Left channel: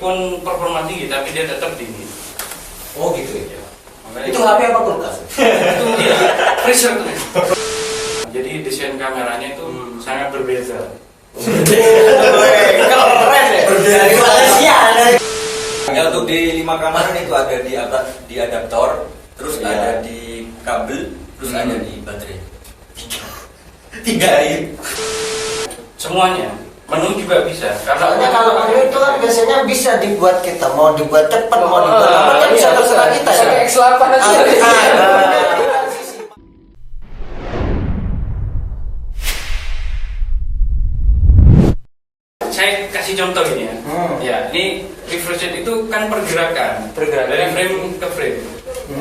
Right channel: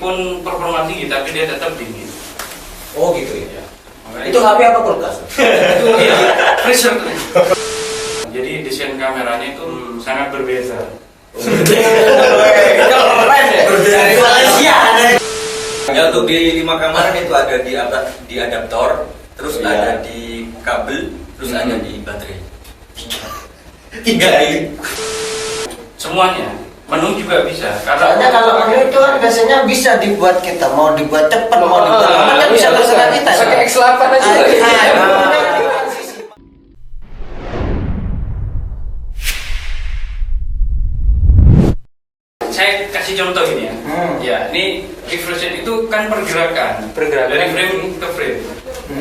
meskipun performa tinggi tapi dia tetap gini. Oh gitu ya. Itu HP apa kulkas? Itu ya, freezer. Jadi desain kameranya itu sangat berbeda. Keren ya. Dari Malaysia. Ya, untuk di 5 kamar itu ada di adaptor, terus ada di kabel, terus ada di baterai. Tiga ini. Semuanya. Menu juga bisa. Karena kalau menu itu kan biasanya bisa dibuat kita mau dibuat cepat mau dibuat lambat kan bisa terserah kita. Pakai X8 aja. Saya kasih contoh ini ya. Ya, ini refresh rate itu kan pergerakan dari frame ke frame.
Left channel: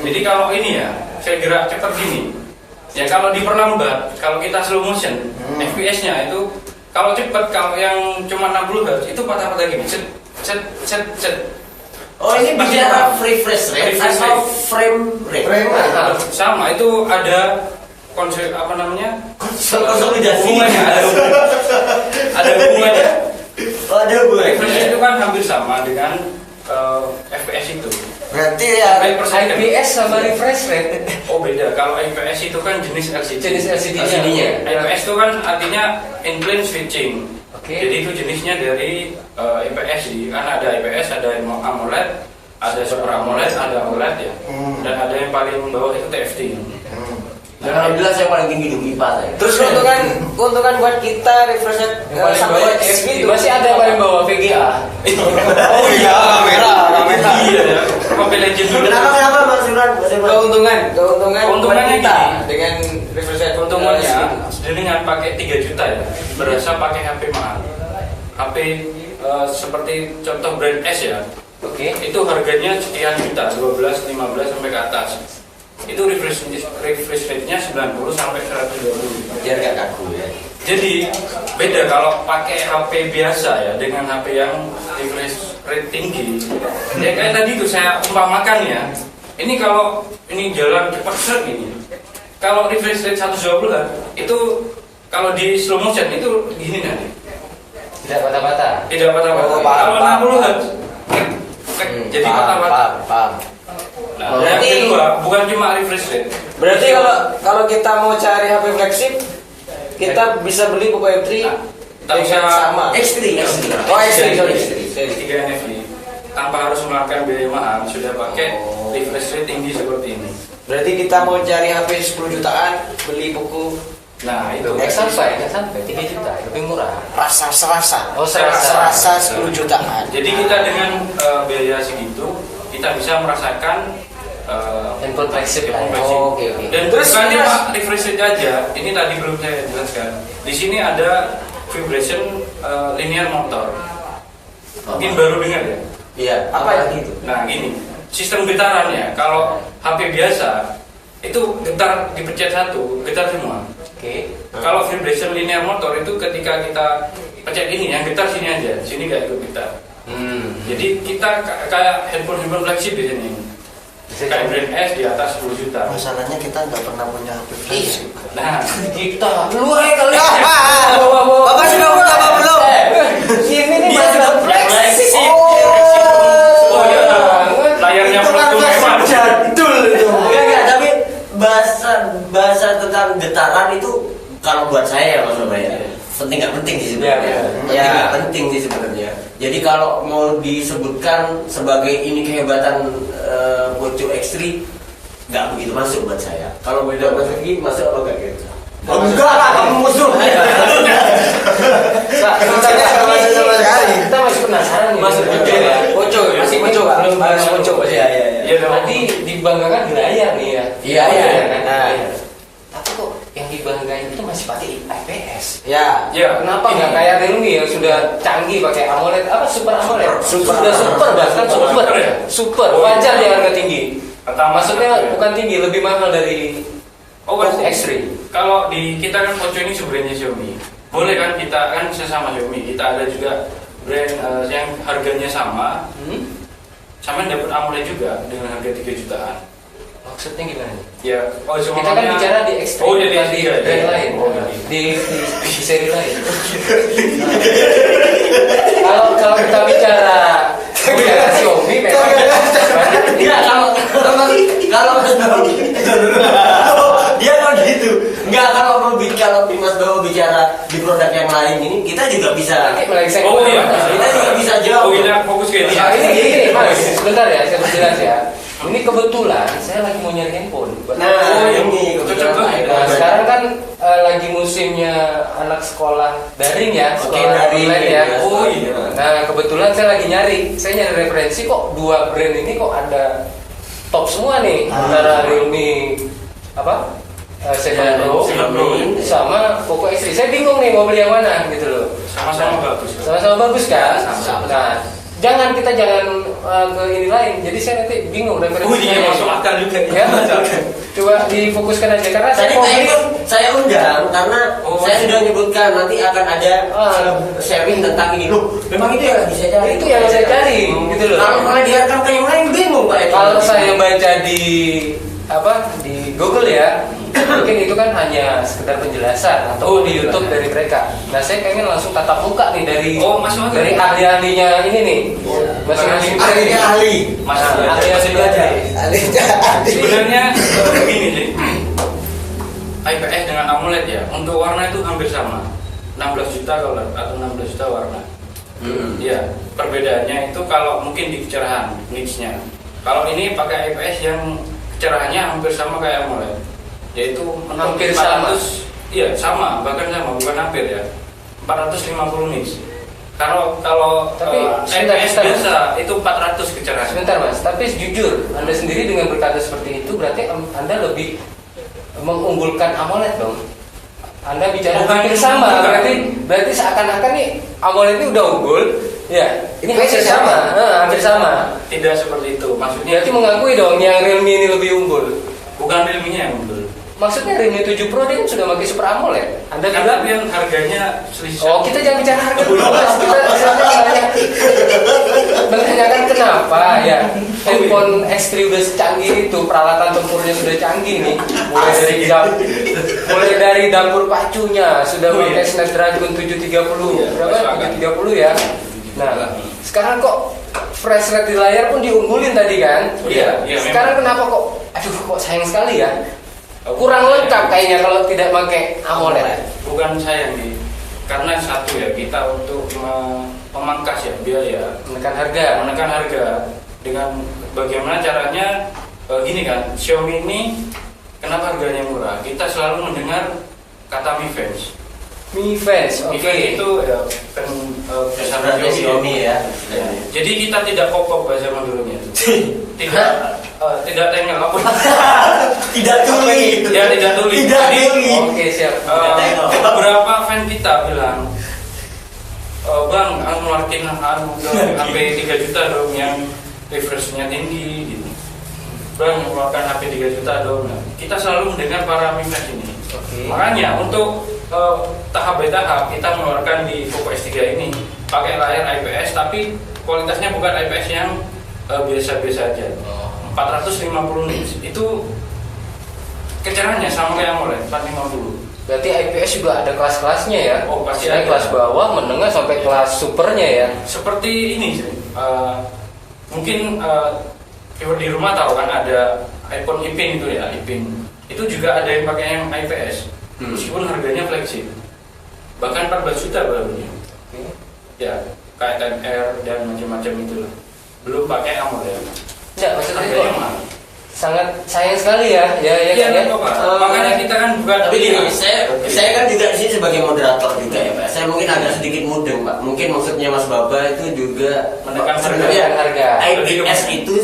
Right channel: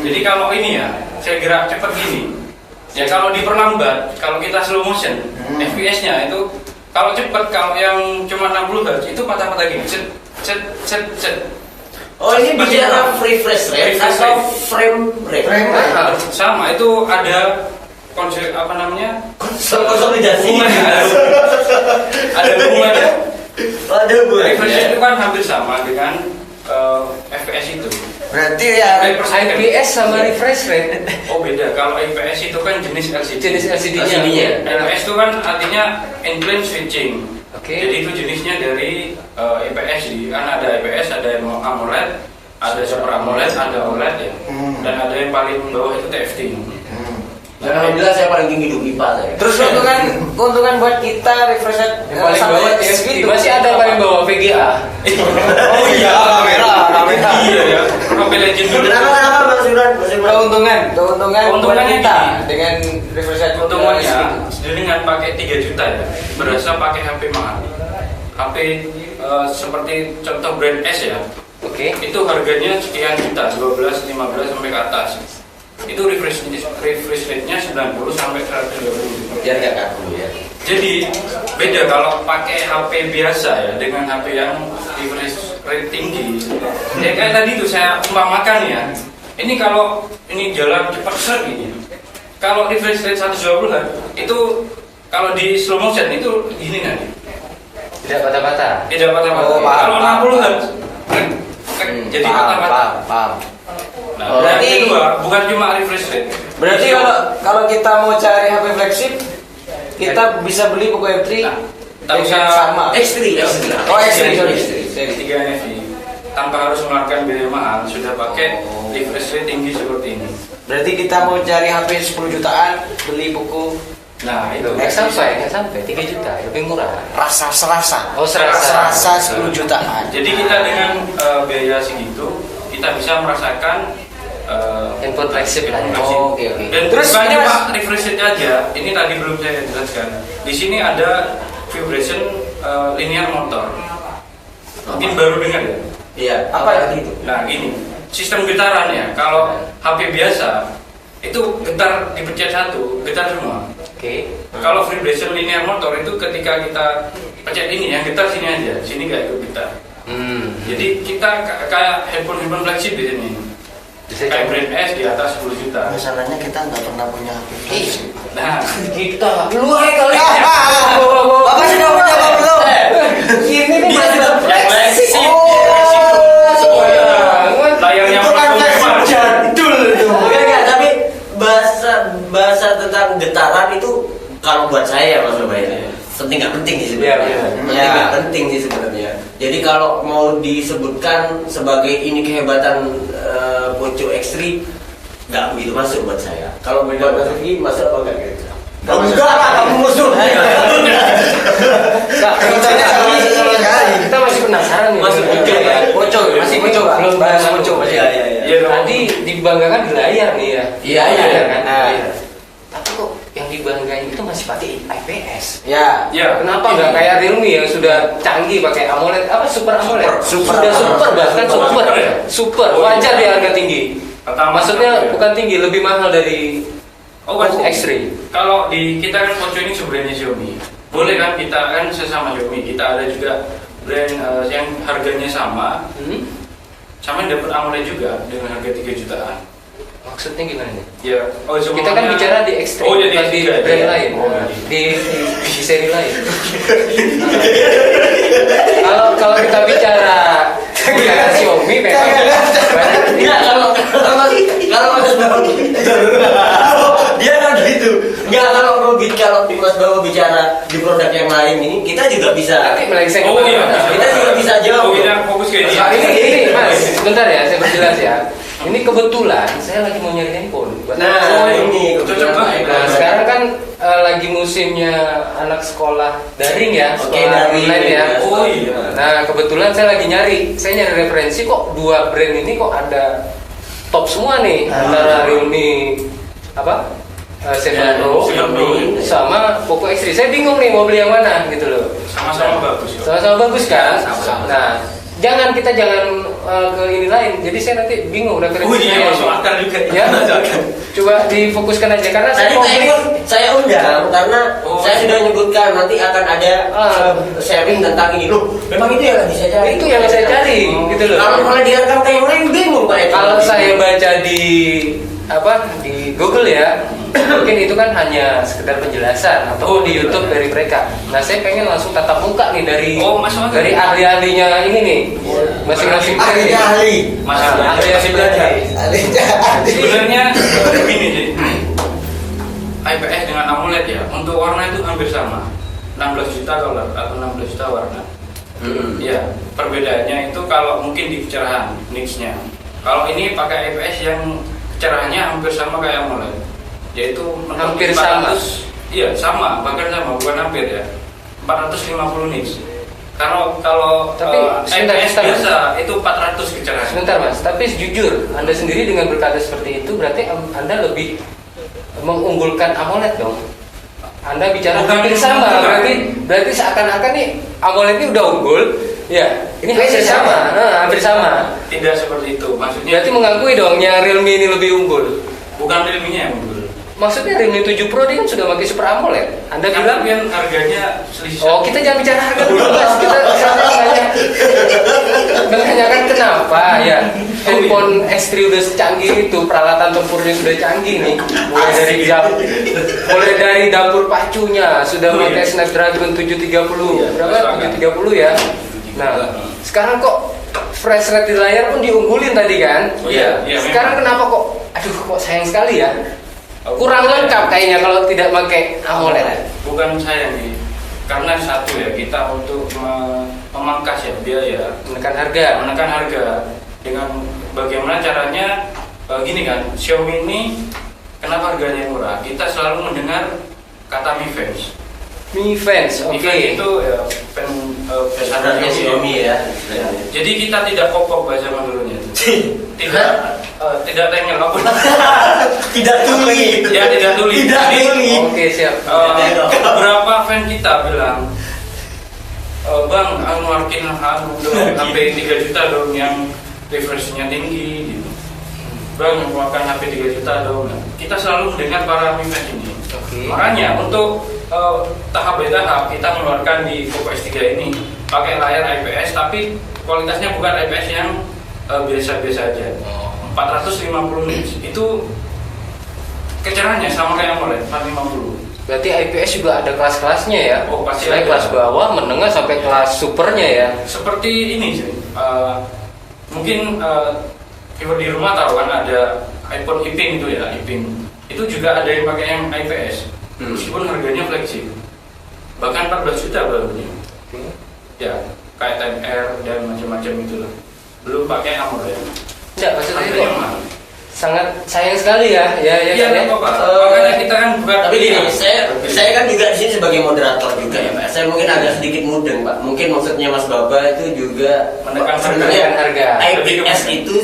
Jadi kalau ini ya, saya gerak cepat gini. Ya kalau diperlambat, kalau kita slow motion, FPS-nya itu kalau cepat, kalau yang cuma 60 Hz itu patah-patah gini. Set. Oh ini bicara refresh rate atau frame rate? Sama, itu ada konsep apa namanya? Konsolidasi. Ada hubungannya. Ada hubungannya. Refresh rate itu kan hampir sama dengan FPS itu. Berarti ya IPS sama refresh rate. Oh beda, kalau IPS itu kan jenis LCD. Jenis LCD-nya. IPS itu kan artinya in-plane switching. Oke. Jadi itu jenisnya dari IPS sih. Kan ada IPS, ada AMOLED, ada Super AMOLED, ada OLED ya. Dan ada yang paling bawah itu TFT. Dan alhamdulillah saya paling tinggi di IPA saya. Terus keuntungan buat kita refresh rate Yang paling bawah gitu. Masih ada paling bawah VGA. Oh iya, iya ya. Mobile Legends. Kenapa Mas Imran? Keuntungan kita dengan refresh rate Keuntungannya dengan pakai 3 juta ya. Berasa pakai HP mahal. HP seperti contoh brand S ya. Oke. Itu harganya sekian juta, 12, 15 sampai ke atas. Itu refresh rate-nya 90 sampai 120. Biar nggak kaku ya. Jadi beda kalau pakai HP biasa ya dengan HP yang refresh rate tinggi. Ya kayak tadi tuh saya umpamakan ya. Ini kalau ini jalan cepat set ini. Kalau refresh rate 120 itu kalau di slow motion itu gini nanti. Tidak patah-patah. Tidak patah-patah. Oh, paham, Kalau 60 jadi patah-patah. Paham. Nah, Berarti yang kedua bukan cuma refresh rate. Berarti kalau kita mau cari HP flagship kita bisa beli buku M3 tak usah sama X3. Oh X3 sorry. 3 NFC tanpa harus mengeluarkan biaya mahal sudah pakai refresh rate tinggi seperti ini. Berarti kita mau cari HP 10 jutaan beli buku. Nah itu Nggak sampai 3 juta, lebih murah. Rasa. Oh, serasa. Rasa 10 jutaan. Jadi kita dengan biaya segitu kita bisa merasakan Handphone flagship lah. handphone flagship. Oh, oke. Dan Terus bukan ini, cuma Mas, refresh rate aja. Ini tadi belum saya jelaskan. Di sini ada vibration linear motor. Mungkin baru dengar ya. Iya. Apa itu? Nah ini sistem getarannya. Kalau HP biasa itu getar dipencet satu, getar semua. Oke. Kalau vibration linear motor itu ketika kita pencet ini, yang getar sini aja, sini kayak itu getar. Jadi kita kayak handphone flagship di sini. Kayak brand S di atas 10 juta. Masalahnya kita nggak pernah punya HP flagship. Nah, Kita lu aja kali. Bawa. Bapak sudah punya apa belum? Ini nih Dia sudah flagship. layarnya Itu kan memang jadul itu. Enggak, tapi bahasa tentang getaran itu kalau buat saya Mas Ubay penting nggak penting sih sebenarnya. Penting nggak penting sih sebenarnya. Jadi kalau mau disebutkan sebagai ini kehebatan Poco X3 nggak begitu masuk buat saya. Kalau buat Mas Rifki masuk apa enggak kira-kira? Enggak lah, kamu musuh. Kita masih penasaran nih. Masuk juga. Poco, masih Poco, belum bahas Poco. Iya. Tadi dibanggakan di layar nih ya. Iya. Tapi kok yang dibanggain itu masih pakai IPS. Ya. Kenapa nggak kayak Realme yang sudah canggih pakai AMOLED? Apa Super AMOLED? Sudah super bahkan super. Wajar di harga tinggi. Maksudnya bukan tinggi, lebih mahal dari X3. Kalau di kita kan Poco ini sebenarnya Xiaomi. Boleh kan kita kan sesama Xiaomi, kita ada juga brand yang harganya sama. Sama dapat AMOLED juga dengan harga 3 jutaan. Maksudnya gimana nih? Ya, Kita kan bicara di X3, bukan di brand lain, di seri lain. Kalau kita bicara Xiaomi memang Iya, kalau Mas Bawa dia kan gitu. Enggak, kalau Mas Bawa bicara di produk yang lain ini, kita juga bisa. melengseng. Kita juga bisa jawab. kita fokus ke ini. Nah, ini Mas, sebentar ya, saya perjelas ya. Ini kebetulan saya lagi mau nyari handphone. Ini cocok banget. Nah, sekarang kan lagi musimnya anak sekolah daring ya, Oke, sekolah daring online ya. ya. Nah, kebetulan saya lagi nyari referensi kok dua brand ini kok ada top semua nih antara Realme apa? 7 Pro 7 Pro sama Poco X3. Saya bingung nih mau beli yang mana gitu loh. Sama-sama bagus. Sama-sama bagus kan? Sama-sama. Nah, kita jangan ke ini lain. Jadi saya nanti bingung referensinya. Iya, masuk akal juga. Ya, coba difokuskan aja karena saya undang karena saya sudah menyebutkan nanti akan ada sharing tentang ini loh. Memang itu yang lagi saya cari. itu yang saya cari gitu loh. Kalau malah diarahkan ke yang lain bingung Pak. Kalau saya baca di Google ya, mungkin itu kan hanya sekedar penjelasan atau di YouTube dari mereka. Nah, saya pengen langsung tatap muka nih dari dari ahli-ahlinya ini nih. Masing-masing ahli. ahli belajar. Sebenarnya begini sih. IPS dengan AMOLED ya, untuk warna itu hampir sama. 16 juta color atau 16 juta warna. Ya, perbedaannya itu kalau mungkin di kecerahan nitsnya. Kalau ini pakai IPS yang kecerahannya hampir sama kayak AMOLED, yaitu Hampir sama. Iya, sama, bahkan sama, bukan hampir ya. 450 nits. Kalau Tapi IPS sebentar, biasa itu 400 kecerahan. Sebentar Mas, tapi jujur Anda sendiri dengan berkata seperti itu berarti Anda lebih mengunggulkan AMOLED dong. Anda bicara hampir sama, berarti seakan-akan nih AMOLED ini udah unggul. Ya, ini hampir sama. Hampir sama. Tidak seperti itu, maksudnya. Berarti mengakui dong yang Realme ini lebih unggul. Bukan Realme-nya yang unggul. Maksudnya Realme 7 Pro ini kan sudah pakai Super AMOLED. Anda bilang Kan harganya selisih. oh, kita jangan bicara harga dulu Mas. Kita menanyakan kenapa ya handphone X3 udah secanggih itu, peralatan tempurnya sudah canggih nih. Mulai dari dapur pacunya sudah pakai Snapdragon 730. Berapa? 730 ya. Nah, sekarang kok fresh rate di layar pun diunggulin tadi kan? Iya. Sekarang kenapa kok kok sayang sekali ya? Kurang lengkap kayaknya kalau tidak pakai AMOLED. Bukan sayang nih. Karena satu ya, kita untuk memangkas ya biaya, Menekan harga dengan bagaimana caranya gini kan, Xiaomi ini kenapa harganya murah? Kita selalu mendengar kata Mi Fans. Mi Fans, oke. Mi Fans itu ya Standarnya Xiaomi ya. Jadi kita tidak kopok bahasa Maduranya. Tidak tengel apa? Tidak tuli. Ya tidak tuli. Tidak tuli. Oke, siap. Beberapa fan kita bilang, Bang, aku ngeluarin untuk HP 3 juta dong yang refreshnya tinggi gitu. Bang, ngeluarkan HP 3 juta dong. Nah, kita selalu mendengar para minat ini. Makanya untuk tahap by tahap kita mengeluarkan di Poco X3 ini pakai layar IPS tapi kualitasnya bukan IPS yang biasa-biasa aja. 450 nits itu kecerahannya sama kayak AMOLED 450. Berarti IPS juga ada kelas-kelasnya ya? Oh, pasti saya ada. kelas bawah, menengah sampai kelas supernya ya? Seperti ini sih. Mungkin viewer di rumah tahu kan ada iPhone Ipin itu ya, Ipin. Itu juga ada yang pakai yang IPS. Meskipun harganya flagship. Bahkan 14 juta barunya. Ya, kayak 10R dan macam-macam itu lah. Belum pakai AMOLED. Enggak, maksudnya Harganya kok mahal. sangat sayang sekali ya? Iya, makanya kita kan bukan. Tapi gini, saya kan juga di sini sebagai moderator juga ya Pak. Saya mungkin agak sedikit mudeng Pak. Mungkin maksudnya Mas Baba itu juga Menekan sebenarnya harga. IPS itu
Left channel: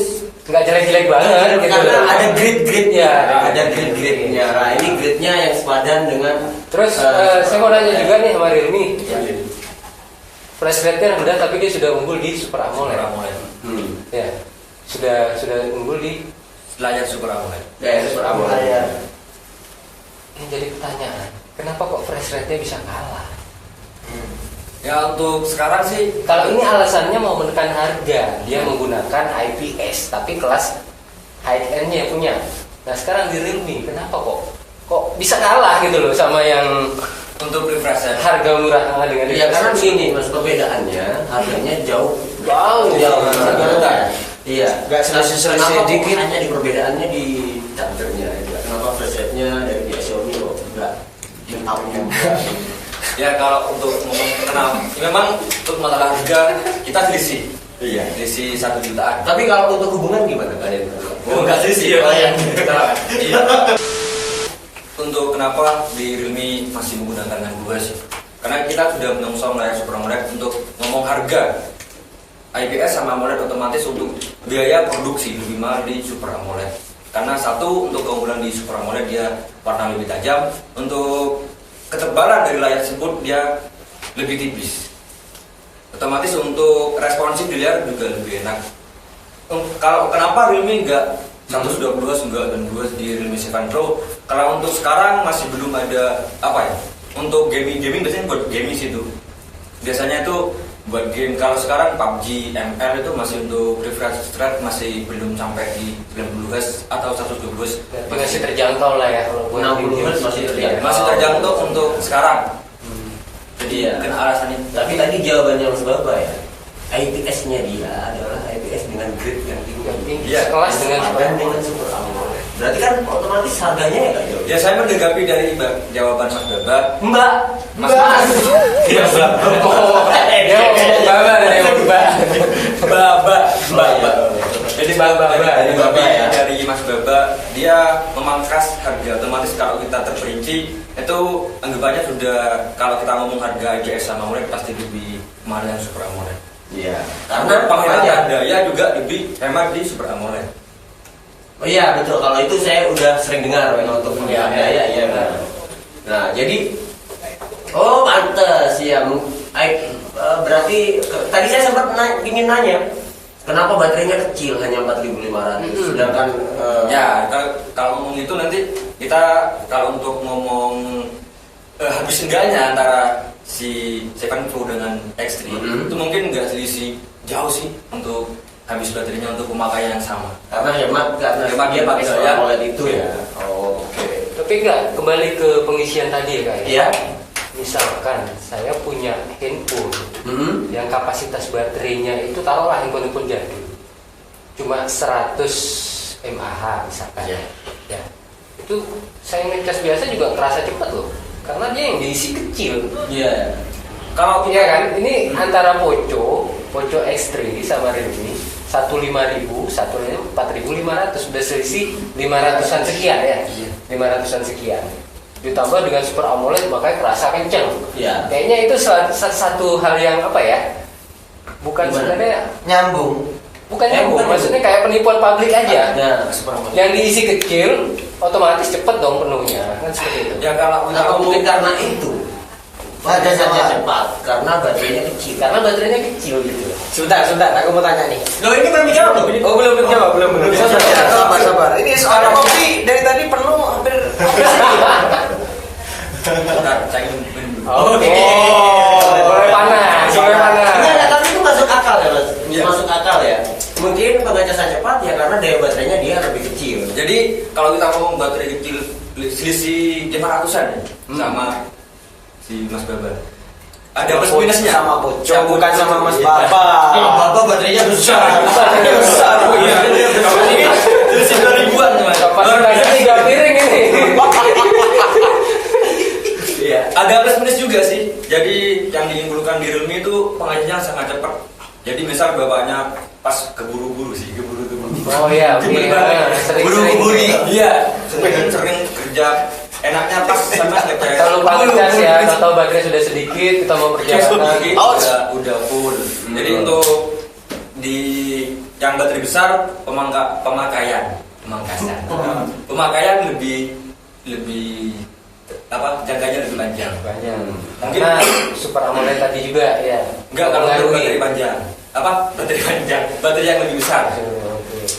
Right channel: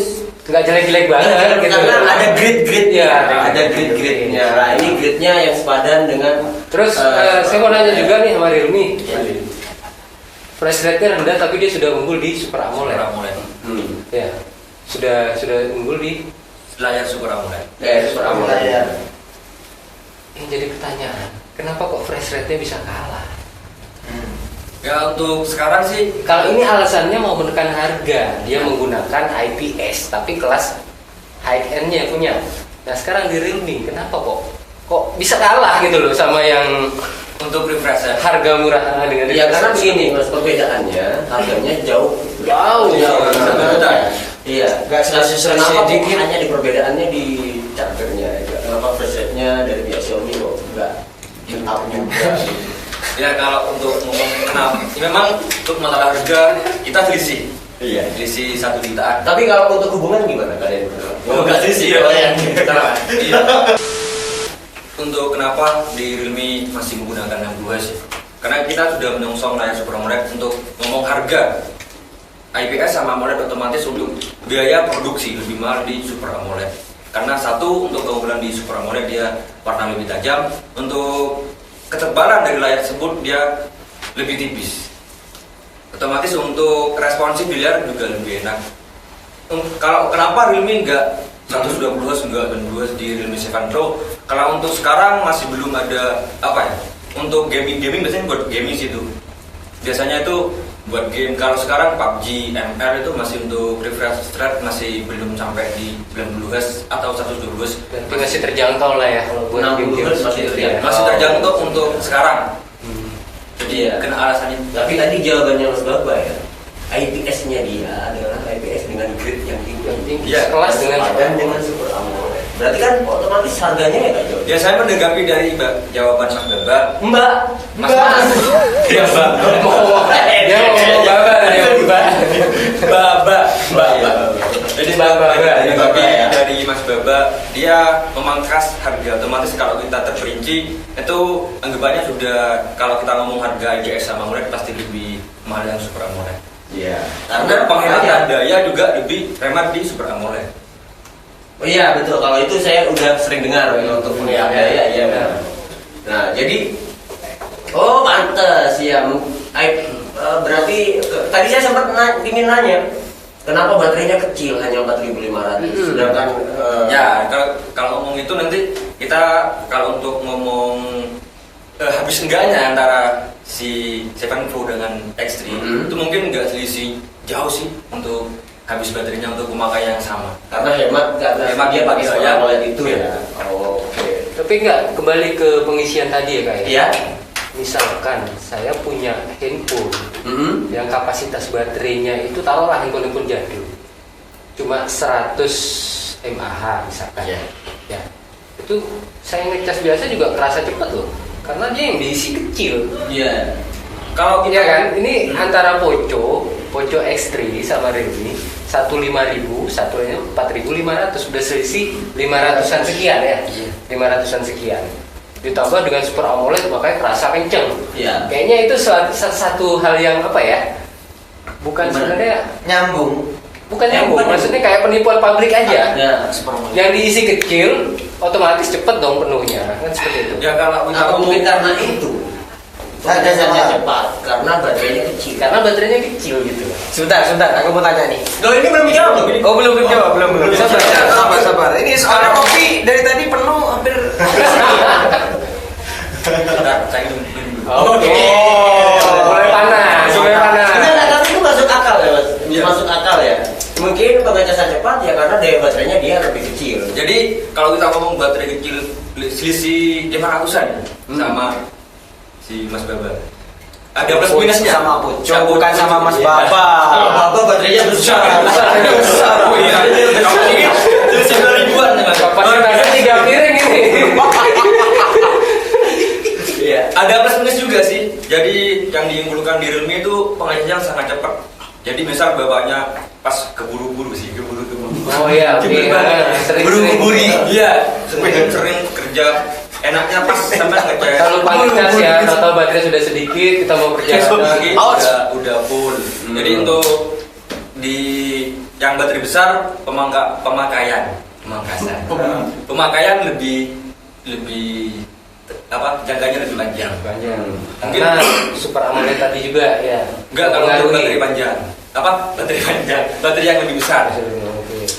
Nggak jelek-jelek banget gitu. karena ada grade-grade-nya, Ya, ada grade-grade-nya. Nah, ini grade-nya yang sepadan dengan. Terus saya mau nanya juga nih sama Realme. Ya. Flash rate-nya rendah tapi dia sudah unggul di Super AMOLED. Ya. Sudah unggul di Layar Super AMOLED. Ya, Super AMOLED ya. Ini jadi pertanyaan, kenapa kok fresh rate-nya bisa kalah? Ya untuk sekarang sih Kalau ini alasannya mau menekan harga, dia menggunakan IPS tapi kelas high end-nya punya. Nah sekarang di Realme, kenapa kok bisa kalah gitu loh sama yang untuk refresh rate. harga murah dengan Ya refresh karena rate? begini Mas, perbedaannya harganya jauh Wow. Iya. Nggak sesuai Kenapa sedikit. kok hanya di perbedaannya di chargernya? Kenapa flashlightnya dari pihak Xiaomi kok enggak out juga? Ya kalau untuk ngomong kenal, memang untuk masalah harga kita selisih. Iya. Selisih 1 jutaan. Tapi kalau untuk hubungan gimana kalian? Oh, enggak sih Iya. kalau yang Iya. Untuk kenapa di Realme masih menggunakan yang 2 sih? Karena kita sudah menyongsong layar Super AMOLED untuk ngomong harga. IPS sama AMOLED otomatis untuk biaya produksi lebih mahal di Super AMOLED. Karena satu, untuk keunggulan di Super AMOLED dia warna lebih tajam. Untuk ketebalan dari layar tersebut dia lebih tipis. Otomatis untuk responsif di layar juga lebih enak. Kalau kenapa Realme enggak 120 Hz enggak dan 2 di Realme 7 Pro? Kalau untuk sekarang masih belum ada apa ya? Untuk gaming biasanya buat gaming sih itu. Biasanya itu buat game. Kalau sekarang PUBG, ML itu masih untuk refresh rate masih belum sampai di 90 Hz atau 120 Hz. Masih terjangkau lah ya kalau buat 60 game. Hz masih terjangkau. Masih terjangkau untuk sekarang. Jadi Iya. kena alasannya. Tapi tadi jawabannya Mas Baba ya. IPS-nya dia adalah IPS dengan grade yang tinggi. Iya. Kelas dengan Sepadan dengan Super AMOLED. Berarti kan otomatis harganya ya nggak jauh. Ya saya menanggapi dari jawaban Mas Baba. Mbak. Ya Mbak. Dia ngomong Baba lah ya, Mbak. Baba. Jadi Baba ya. Dari Mas Baba dia memangkas harga. Otomatis kalau kita terperinci itu anggapannya sudah kalau kita ngomong harga IPS sama AMOLED pasti lebih mahal yang Super AMOLED. Iya. Karena penghematan daya juga lebih hemat di Super AMOLED. Oh iya betul, kalau itu saya udah sering dengar ya, untuk punya daya ya. Nah jadi pantes ya. Berarti tadi saya sempat ingin nanya kenapa baterainya kecil hanya 4.500 sedangkan Ya kalau ngomong itu nanti kita kalau untuk ngomong habis enggaknya antara si 7 Pro dengan X3 itu mungkin enggak selisih jauh sih untuk habis baterainya untuk pemakaian yang sama. karena hemat dia pakai Super AMOLED itu ya. Oh, oke. Tapi enggak, kembali ke pengisian tadi ya Kak ya. Iya. Misalkan saya punya handphone yang kapasitas baterainya itu taruhlah handphone jadul cuma 100 mAh misalkan. Iya. Ya. Itu saya ngecas biasa juga kerasa cepat loh. Karena dia yang diisi kecil. Iya. Kalau iya kan, ini antara Poco X3 sama Realme 15000, satunya 4500, sudah selisih 500-an sekian ya. 500-an sekian. Ditambah dengan Super AMOLED makanya kerasa kenceng. Iya. Kayaknya itu satu hal yang apa ya? Bukan sebenarnya Nyambung. bukan nyambung, maksudnya kayak penipuan pabrik aja. Ya. Yang diisi kecil otomatis cepet dong penuhnya. Kan seperti itu. Ya kalau kita Atau ngomong mungkin karena itu harganya cepat karena baterainya kecil. Karena baterainya kecil gitu. Sebentar, aku mau tanya nih. Loh ini belum dijawab loh. Oh belum jawab, belum. Sabar. Ini soal kopi dari tadi penuh hampir. Bentar, saya ingin Oke. Mulai panas. Enggak, tapi itu masuk akal ya Mas. Iya. Masuk akal ya. Mungkin pengecasan cepat ya karena daya baterainya dia lebih kecil. Jadi kalau kita ngomong baterai kecil selisih 500-an sama si Mas Baba. Ada plus minusnya Sama Poco, bukan sama Mas Baba. Kalau Baba baterainya besar. Selisih 2.000-an nih Mas. Kapasitasnya 3 piring ini. Iya. Ada plus minus juga sih. Jadi yang diunggulkan di Realme itu pengajiannya sangat cepat. Jadi misal bapaknya pas keburu-buru. Oh iya, oke. Buru-buri. Iya, sering kerja. Enaknya pas sama ngecek. Kalau lupa ngecas ya, atau baterai sudah sedikit, kita mau perjalanan. Udah full. Jadi untuk di yang baterai besar pemakaian lebih apa jangkanya lebih panjang. Mungkin Karena Super AMOLED tadi juga ya. enggak kalau untuk baterai panjang. Baterai yang lebih besar.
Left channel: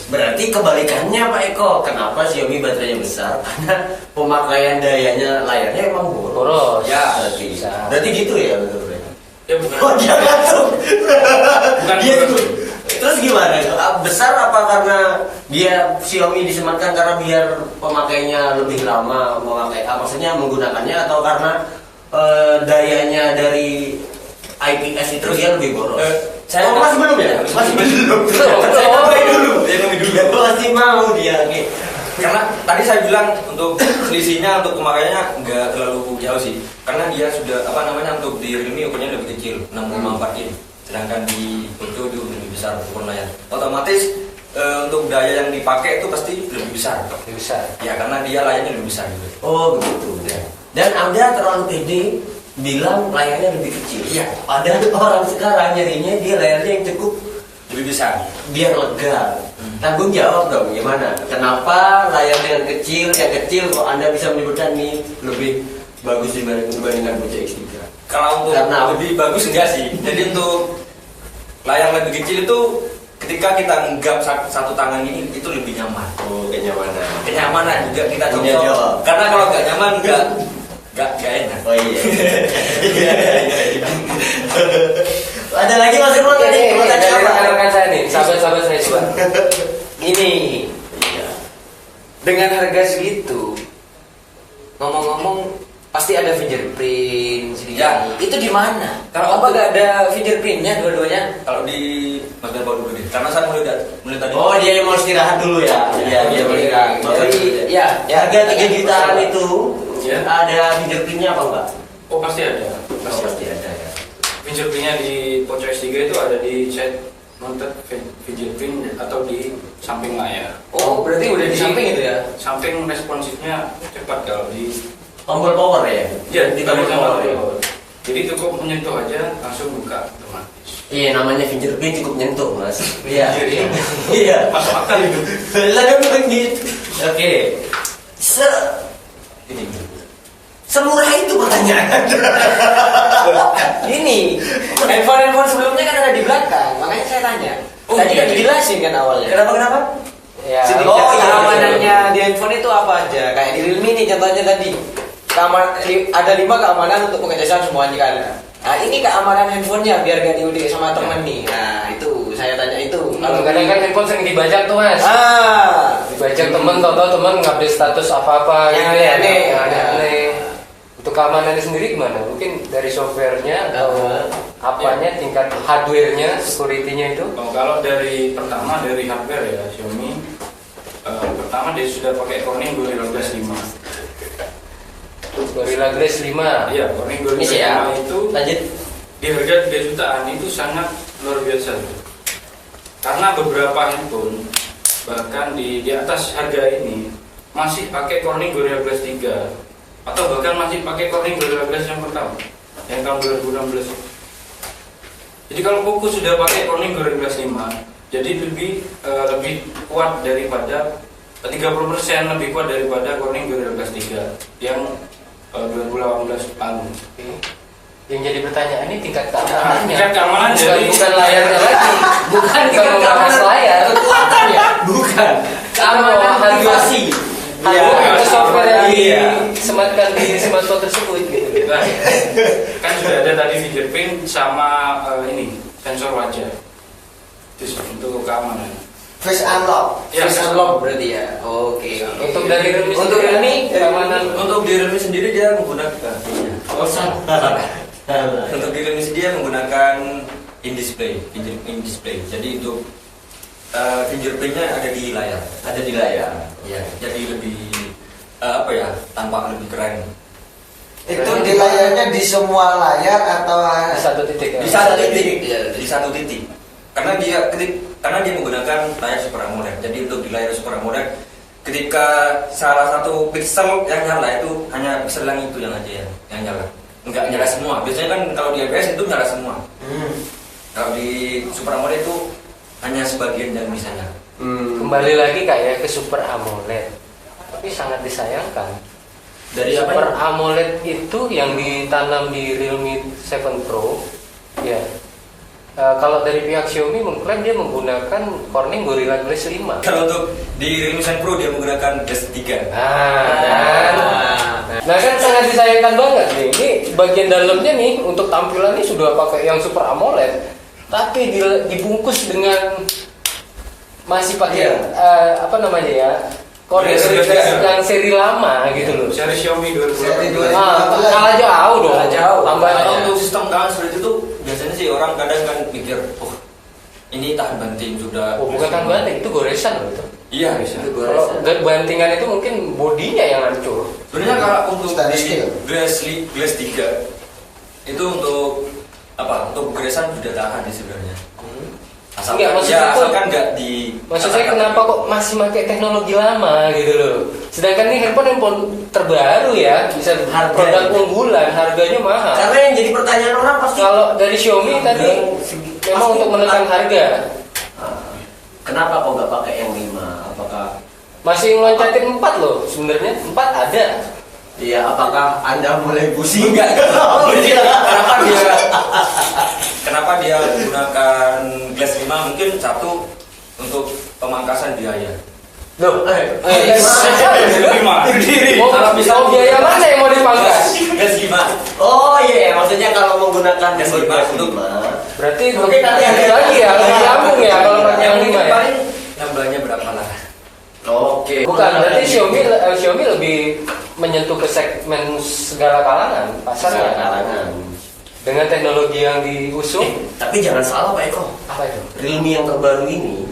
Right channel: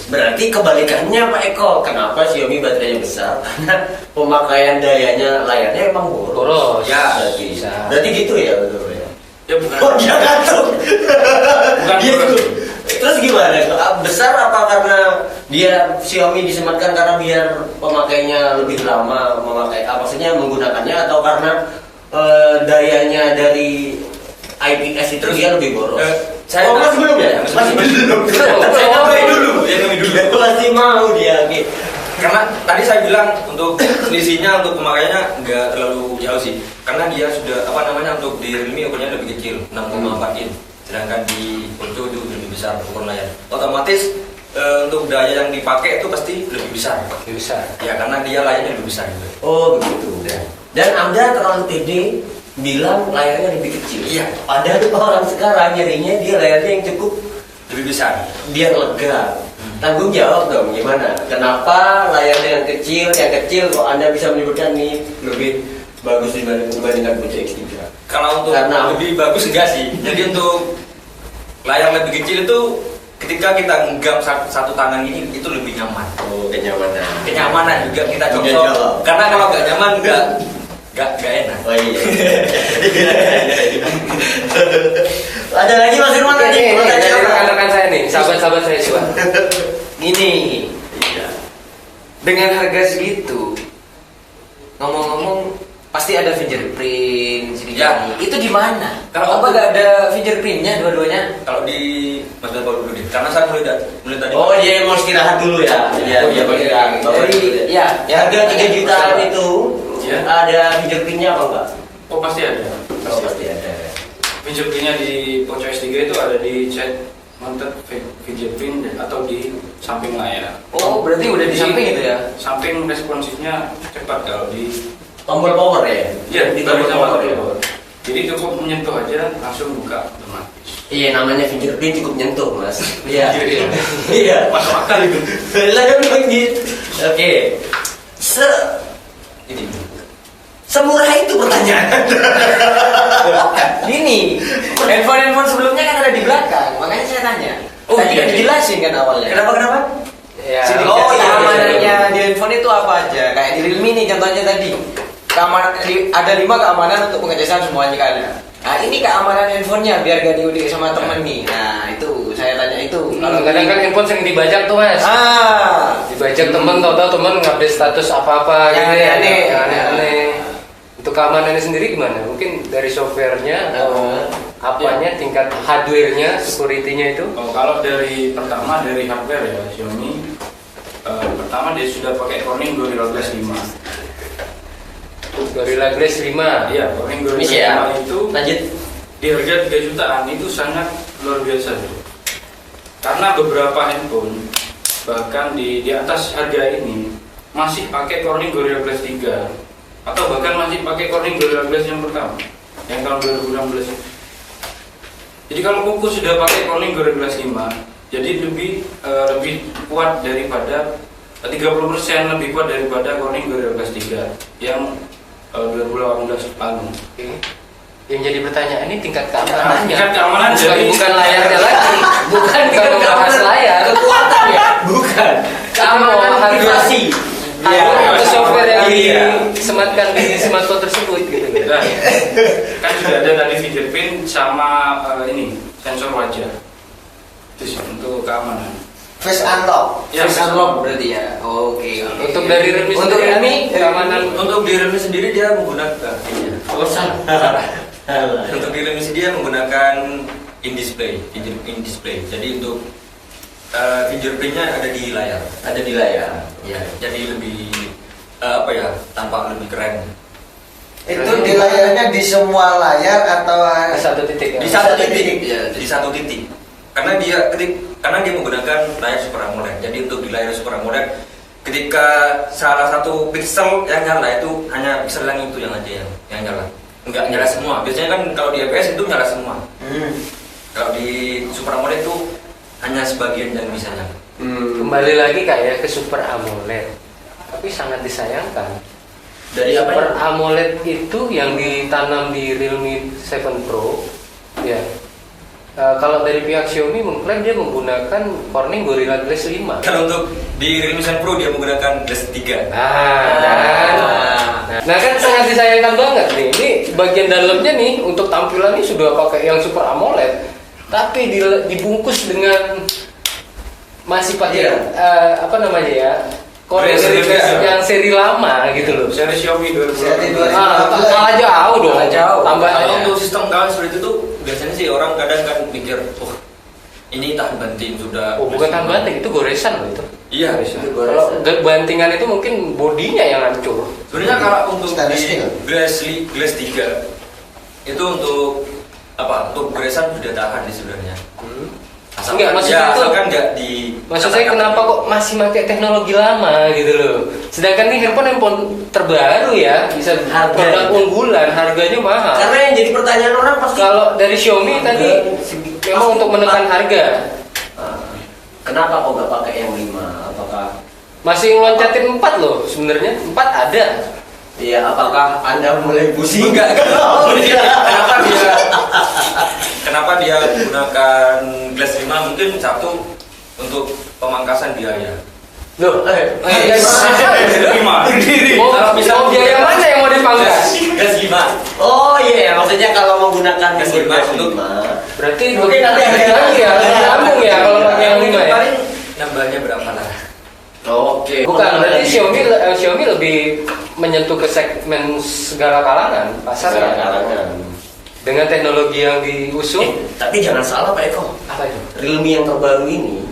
Berarti kebalikannya Pak Eko. Kenapa Xiaomi baterainya besar? Karena pemakaian dayanya layarnya emang Boros. Ya, Berarti gitu ya betul ya. Ya bukan. Oh jangan tuh. Bukan Gitu. boros. Terus gimana? Besar apa karena dia Xiaomi disematkan karena biar pemakainya lebih lama maksudnya menggunakannya atau karena dayanya dari IPS itu dia lebih boros? Oh, masih belum ya? Masih belum. Ya kami dulu. Masih mau dia. Oke. Karena tadi saya bilang untuk selisihnya untuk pemakaiannya nggak terlalu jauh sih. Karena dia sudah untuk di Realme ukurannya lebih kecil 6,4 in. Sedangkan di Ultra itu lebih besar ukuran layar. Otomatis untuk daya yang dipakai itu pasti lebih besar. Lebih besar. Ya karena dia layarnya lebih besar juga. Oh begitu. Ya. Dan Anda terlalu pede bilang layarnya lebih kecil. Iya. Ada orang sekarang nyarinya dia layarnya yang cukup Lebih besar. biar lega. Tanggung jawab dong gimana? Kenapa layarnya yang kecil kok Anda bisa menyebutkan nih lebih bagus dibandingkan Fuji X3? Kalau untuk Karena- lebih bagus enggak sih. Jadi untuk layar lebih kecil itu ketika kita genggam satu tangan ini itu lebih nyaman. Oh, kenyamanan. Kenyamanan juga kita Iya, contoh. jawab. Karena kalau nggak nyaman nggak enak. Oh iya. Ada lagi Mas Irwan tadi? Ini Mau tanya dari apa? rekan-rekan saya nih, sahabat-sahabat saya coba. Gini, dengan harga segitu, ngomong-ngomong pasti ada fingerprint segini. Ya. Itu di mana? Kalau Apa nggak ada fingerprintnya dua-duanya? Kalau di Mas Bapak dulu deh. Karena saya mulai tadi. Oh dia mau istirahat dulu ya? Iya dia mau istirahat. Jadi, ya, Harga 3 jutaan itu Ya. ada fingerprintnya apa enggak? Oh pasti ada. Pasti ada ya. Fingerprintnya di Poco S3 itu ada di side mounted fingerprint atau di samping layar. Oh, berarti udah di samping itu ya? Samping responsifnya cepat kalau di Tombol power ya? ya di tombol power ya. Jadi cukup menyentuh aja langsung buka otomatis. Iya namanya fingerprint cukup nyentuh mas. Iya. Iya. Iya. Masuk akal itu. Lah kan bilang gitu. Oke. Ini. Semurah itu pertanyaan. Gini, handphone sebelumnya kan ada di belakang, makanya saya tanya. Oh, Tadi iya, kan iya. dijelasin kan awalnya. Kenapa? Ya, Oh iya, iya. keamanannya di handphone itu apa aja? Kayak di Realme nih contohnya tadi. Keamanan ada 5 keamanan untuk pengecasan semuanya kan. Nah ini keamanan handphonenya biar gak diudik sama temen nih. Nah itu saya tanya itu. Kalau kadang kan handphone sering dibajak tuh mas. Dibajak temen, tau-tau temen ngupdate status apa-apa Yang gitu ya. aneh-aneh. Yang aneh-aneh. Untuk keamanannya sendiri gimana? Mungkin dari softwarenya atau apanya, tingkat hardwarenya, security-nya itu? Oh, kalau dari pertama dari hardware ya Xiaomi pertama dia sudah pakai Corning Gorilla Glass 5. Gorilla Glass 5. Iya, Corning Gorilla Bisa ya. 5 itu Lanjut. di harga 3 jutaan itu sangat luar biasa. Karena beberapa handphone bahkan di atas harga ini masih pakai Corning Gorilla Glass 3 atau bahkan masih pakai Corning Gorilla Glass yang pertama yang tahun 2016. Jadi kalau Poco sudah pakai Corning Gorilla Glass 5, jadi lebih kuat daripada 30% lebih kuat daripada Corning Gorilla Glass 3 yang 2018 lalu. Yang jadi pertanyaan ini tingkat keamanannya. Tingkat keamanan bukan layarnya lagi. Bukan membahas layar. kekuatannya. Bukan. Keamanan privasi. Atau software yang Iya. disematkan di smartphone tersebut gitu. Nah, kan sudah ada tadi fingerprint sama ini sensor wajah. Itu sih untuk keamanan. Face unlock. Ya, Face unlock berarti ya. Oke. Untuk dari Realme Untuk sendiri, Realme, keamanan Untuk di Realme sendiri dia menggunakan Oh salah. Untuk di Realme dia menggunakan in display. Jadi untuk fingerprintnya ada di layar. Ada di layar. Ya, jadi lebih tampak lebih keren. Itu di layarnya di semua layar atau di satu titik. Di satu titik, di satu titik. Karena dia menggunakan layar Super AMOLED. Jadi untuk di layar Super AMOLED, ketika salah satu pixel yang nyala itu hanya pixel yang itu yang nyala. Enggak nyala semua. Biasanya kan kalau di IPS itu nyala semua. Kalau di Super AMOLED itu hanya sebagian yang bisa nyala. Kembali lagi kayak ke Super AMOLED. Tapi sangat disayangkan. Dari apa? Super AMOLED itu yang ditanam di Realme 7 Pro, ya. Kalau dari pihak Xiaomi mengklaim dia menggunakan Corning Gorilla Glass 5. Kalau untuk di Realme 7 Pro dia menggunakan Glass 3. Nah kan sangat disayangkan banget nih. Ini bagian dalamnya nih untuk tampilannya sudah pakai yang Super AMOLED, tapi dibungkus dengan masih pakai apa namanya ya? Corning yang seri lama gitu loh. Seri Xiaomi 2018. Seri 2018. Salah jauh dong. Salah jauh. Tambah Kalau untuk sistem kawan seperti itu biasanya sih orang kadang kan mikir, oh ini tahan banting sudah. Oh, bukan tahan banting, itu goresan loh itu. Iya, bisa. Kalau bantingan itu mungkin bodinya yang hancur. Sebenarnya kalau untuk Stainless di steel. glass 3 itu untuk apa? Untuk goresan sudah tahan sih sebenarnya. Enggak, maksudnya itu- asalkan enggak di. Maksud saya kenapa kok masih pakai teknologi lama gitu loh. Sedangkan ini handphone terbaru ya, bisa Harga. produk unggulan, harganya mahal. Karena yang jadi pertanyaan orang pasti Kalau dari Xiaomi tadi memang untuk menekan harga. kenapa kok nggak pakai yang 5? Apakah Masih ngeloncatin 4 loh sebenarnya. 4 ada. Iya, apakah Anda mulai pusing? Enggak. Jadi kenapa dia menggunakan glass 5? Mungkin satu untuk pemangkasan biaya. Loh, Terima. mau biaya mana yang mau dipangkas? Glass 5. Oh iya, maksudnya kalau menggunakan Gas Google lima Glass untuk- 5. Berarti Mungkin nanti lebih ada- lagi ya, lebih lambung ya kalau pakai yang 5 ya. Paling nambahnya berapa lah? Oke. Bukan, berarti Xiaomi lebih menyentuh ke segmen segala kalangan pasarnya. Karangan. Dengan teknologi yang diusung. Tapi jangan salah Pak Eko. Apa itu? Realme yang terbaru ini,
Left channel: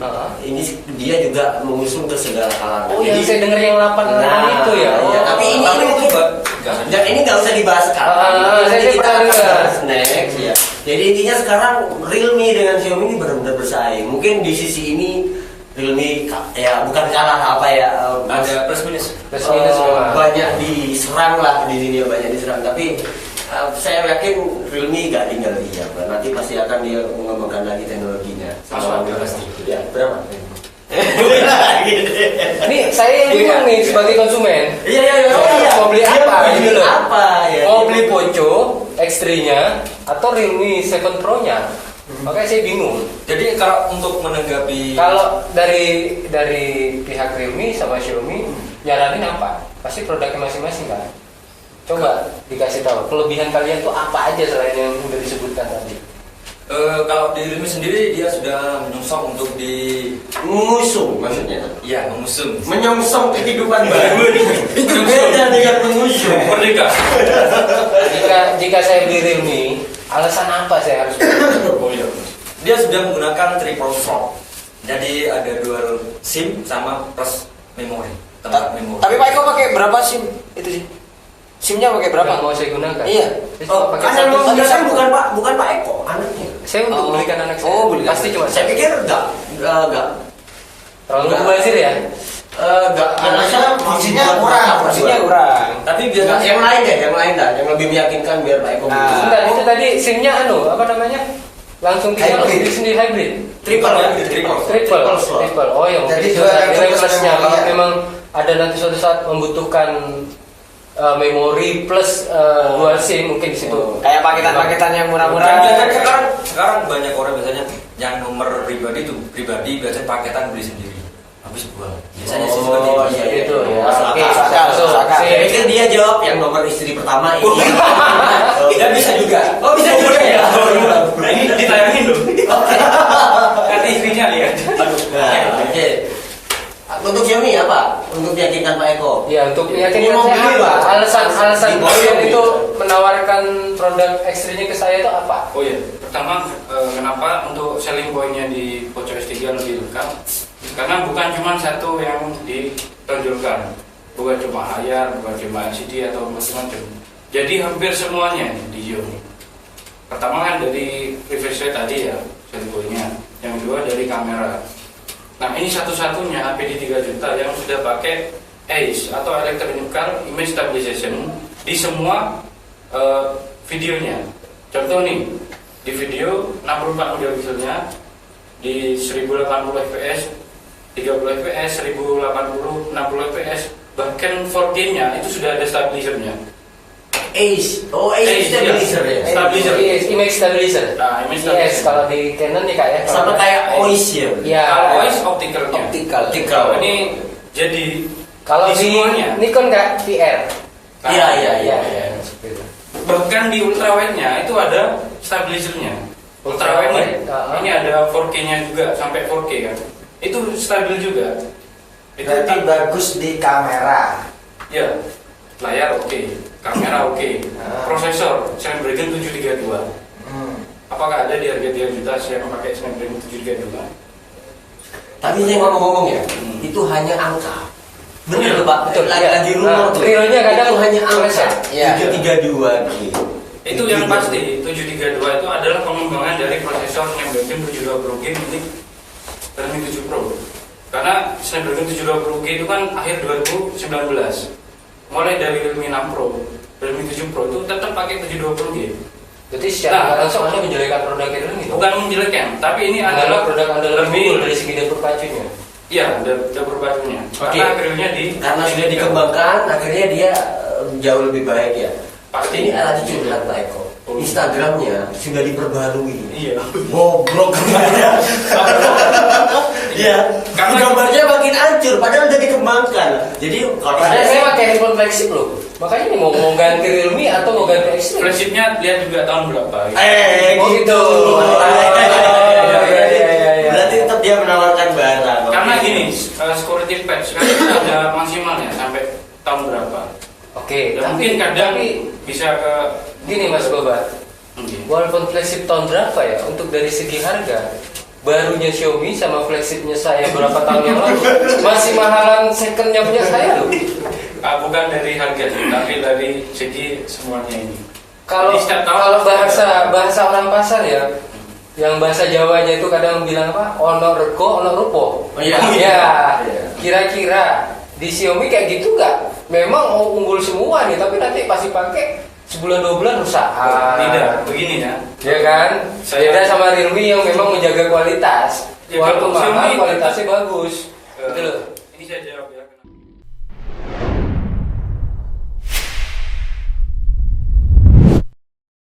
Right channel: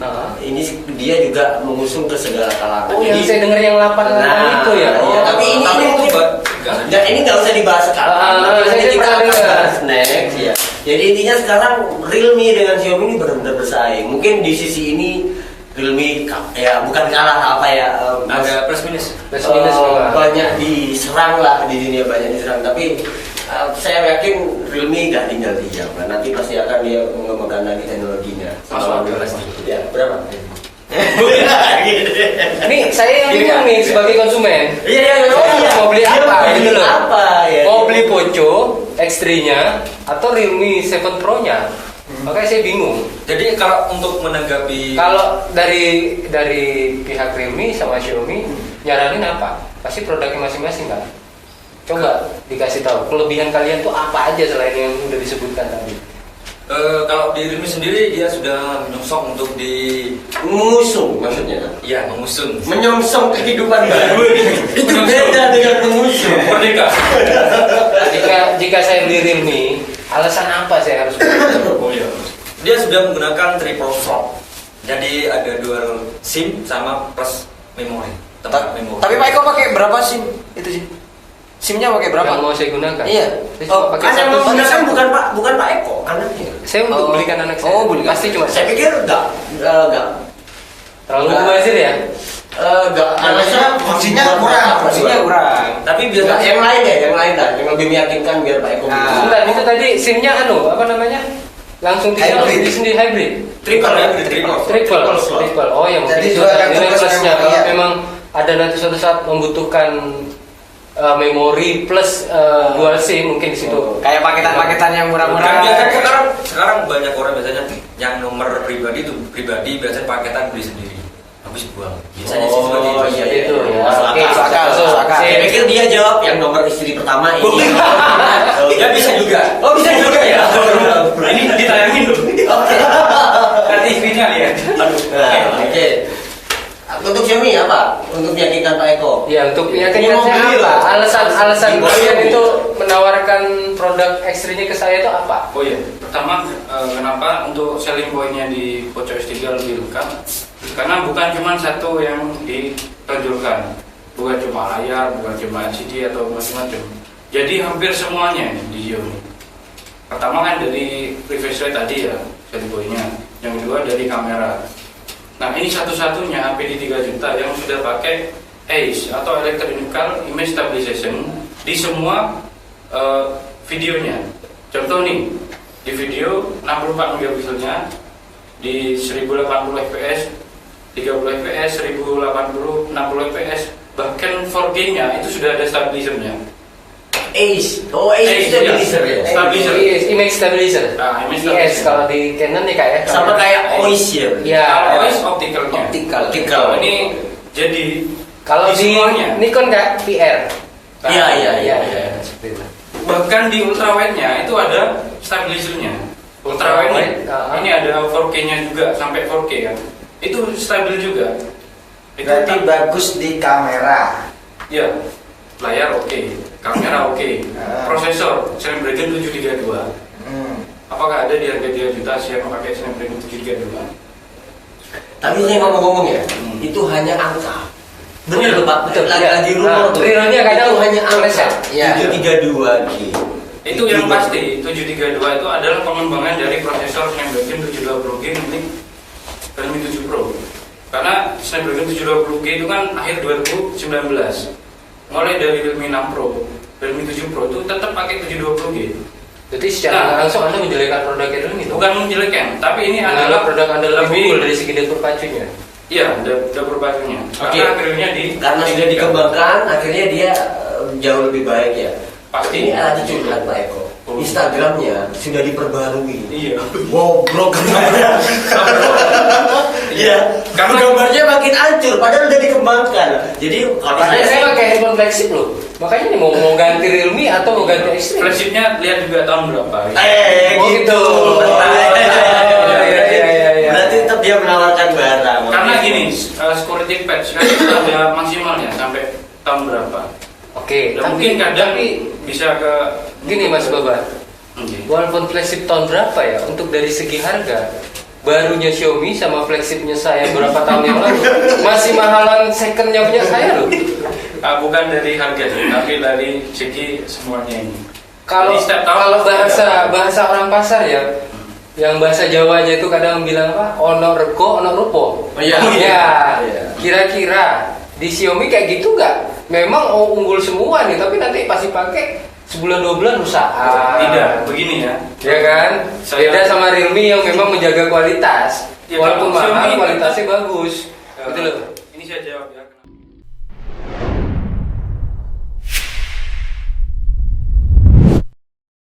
ini dia juga mengusung ke segala kalangan. Oh, yang Jadi- saya dengar yang 8 itu ya. Oh, iya, tapi ini itu Nggak, ini nggak usah dibahas sekarang. saya Nanti kita pernah akan dengar. bahas next ya. Jadi intinya sekarang Realme dengan Xiaomi ini benar-benar bersaing. Mungkin di sisi ini Realme ya bukan kalah apa ya. Ada plus minus. plus minus memang. banyak diserang lah di dunia, banyak diserang. Tapi saya yakin Realme nggak tinggal diam. Nanti pasti akan dia mengembangkan lagi teknologinya. Pasti. Ya berapa? Ini saya yang bingung nih sebagai konsumen. Iya, Mau beli apa gitu loh. Apa ya? Mau beli Poco X3-nya atau Realme 7 Pro-nya. Makanya saya bingung. Jadi kalau untuk menanggapi Kalau dari pihak Realme sama Xiaomi nyaranin apa? Pasti produknya masing-masing kan? Coba dikasih tahu kelebihan kalian tuh apa aja selain yang udah disebutkan tadi. kalau di Realme sendiri dia sudah menyongsong untuk Mengusung maksudnya. mengusung. Menyongsong kehidupan baru. Itu beda dengan mengusung. Merdeka. Jika saya beli Realme, alasan apa saya harus beli? Oh iya. Dia sudah menggunakan triple slot. Jadi ada dual SIM sama plus memori, tempat memori. Tapi Pak Eko pakai berapa SIM itu sih? SIM-nya pakai berapa? Yang mau saya gunakan? Iya. Saya Oh, cuma pakai kan yang satu. mau gunakan bukan Pak Eko, anaknya. Saya untuk belikan anak saya. Oh, belikan. Pasti cuma Saya pikir enggak. terlalu mubazir ya. Enggak. Alasannya fungsinya kurang. Fungsinya kurang. Tapi Enggak, biasanya yang lain ya, yang lain lah, yang lebih meyakinkan biar Pak Eko. Nah. Enggak, itu tadi SIM-nya apa namanya? Langsung tinggal Hybrid. di sendiri hybrid. triple. Triple. Oh, yang Jadi mungkin dua sudah elektron nilai plus plusnya. memori, Kalau ya. memang ada nanti suatu saat membutuhkan memori plus dual SIM mungkin di situ. Kayak paketan-paketan yang Kan murah-murah. biasanya sekarang banyak orang biasanya yang nomor pribadi biasanya paketan beli sendiri habis buang. Biasanya sih seperti itu. Seperti itu ya. Masuk Oke, akal, masuk. masuk akal. Saya pikir dia jawab yang nomor istri pertama ini. Ya bisa juga. Oh, bisa juga ya. Nah ini tadi tayangin dong. Nanti istrinya ya. Aduh. Nah, oke. Untuk Xiaomi apa? Untuk meyakinkan Pak Eko. Ya, untuk meyakinkan Ini mau saya beli apa? lah. Alasan Ini kalian mau itu menawarkan produk X3-nya ke saya itu apa? Oh iya, pertama kenapa untuk selling point-nya di Poco X3 lebih lengkap? Karena bukan cuma satu yang ditonjolkan, bukan cuma layar, bukan cuma LCD atau macam-macam. Jadi hampir semuanya di Xiaomi. Pertama kan dari refresh rate tadi ya, selling point-nya. Yang kedua dari kamera. Nah ini satu-satunya PD 3 juta yang sudah pakai AIS atau Electronical Image Stabilization di semua videonya. Contoh nih, di video 64 megapikselnya di 1080 fps, 30 fps, 1080, 60 fps, bahkan 4K-nya itu sudah ada stabilizernya. Ace. Oh, Ace stabilizer ya. Stabilizer. Image stabilizer. Nah, image Yes, stabilizer. kalau di Canon nih kak ya. Sama kayak OIS ya. Ya. Kalau OIS optikalnya. Optikal. Kalau ini jadi Kalau di semuanya. Nikon kak PR. Iya. Seperti itu. Bahkan di ultrawide-nya itu ada stabilizernya. Ultrawide ini ada 4K-nya juga sampai 4K kan. Itu stabil juga. Itu Berarti bagus di kamera. ya, layar oke, kamera oke, prosesor Snapdragon 732. apakah ada di harga 3 juta yang pakai Snapdragon 732? Tapi saya ngomong-ngomong ya, itu hanya angka. Benar Iya, Pak, betul, lagi iya. rumor Nah, tuh. realnya kadang itu hanya angka. meleset. Iya. 732 gitu. Itu yang pasti 732 itu adalah pengembangan dari prosesor Snapdragon 720G ini Realme 7 Pro. Karena Snapdragon 720G itu kan akhir 2019. Mulai dari Realme 6 Pro, Realme 7 Pro itu tetap pakai 720G. Jadi secara langsung Anda menjelekkan produk Realme itu. Bukan menjelekkan, tapi ini Adalah adalah produk andalan lebih- Google dari segi dapur pacunya. Iya, dapur pacunya. Oke. Karena akhirnya Karena sudah dikembangkan, akhirnya dia jauh lebih baik ya. Pasti. Ini alat curhat Pak Eko. Oh. Instagramnya sudah diperbarui. Iya. Goblok gambarnya. Iya. Karena- Gambarnya makin hancur, padahal udah dikembangkan. Jadi kalau Padahal saya pakai handphone flagship loh. Makanya ini mau ganti Realme atau mau ganti Extreme. flagshipnya lihat juga tahun berapa. Oh, gitu. Iya. Berarti tetap dia menawarkan barang. Karena Oke. gini, security patch kan itu ada maksimalnya sampai tahun berapa. Oke, Ya, mungkin kadang bisa ke gini Mas Babar. Oke. Walaupun flagship tahun berapa ya, untuk dari segi harga barunya Xiaomi sama flagshipnya saya berapa tahun yang lalu masih mahalan secondnya punya saya loh. Bukan dari harga sih, tapi dari segi semuanya ini. Kalau Jadi setiap tahun kalau pasti bahasa orang pasar ya, yang bahasa Jawanya itu kadang bilang apa? Ono rego, ono rupo. Iya. Ya, Iya. kira-kira di Xiaomi kayak gitu nggak? Memang unggul semua nih, tapi nanti pasti pakai sebulan 2 bulan rusak. Tidak, begini ya. Ya kan? Beda sama Realme yang memang menjaga kualitas. Ya, Walaupun kalau mahal, Xiaomi- kualitasnya bagus. Gitu loh. Ini saya jawab.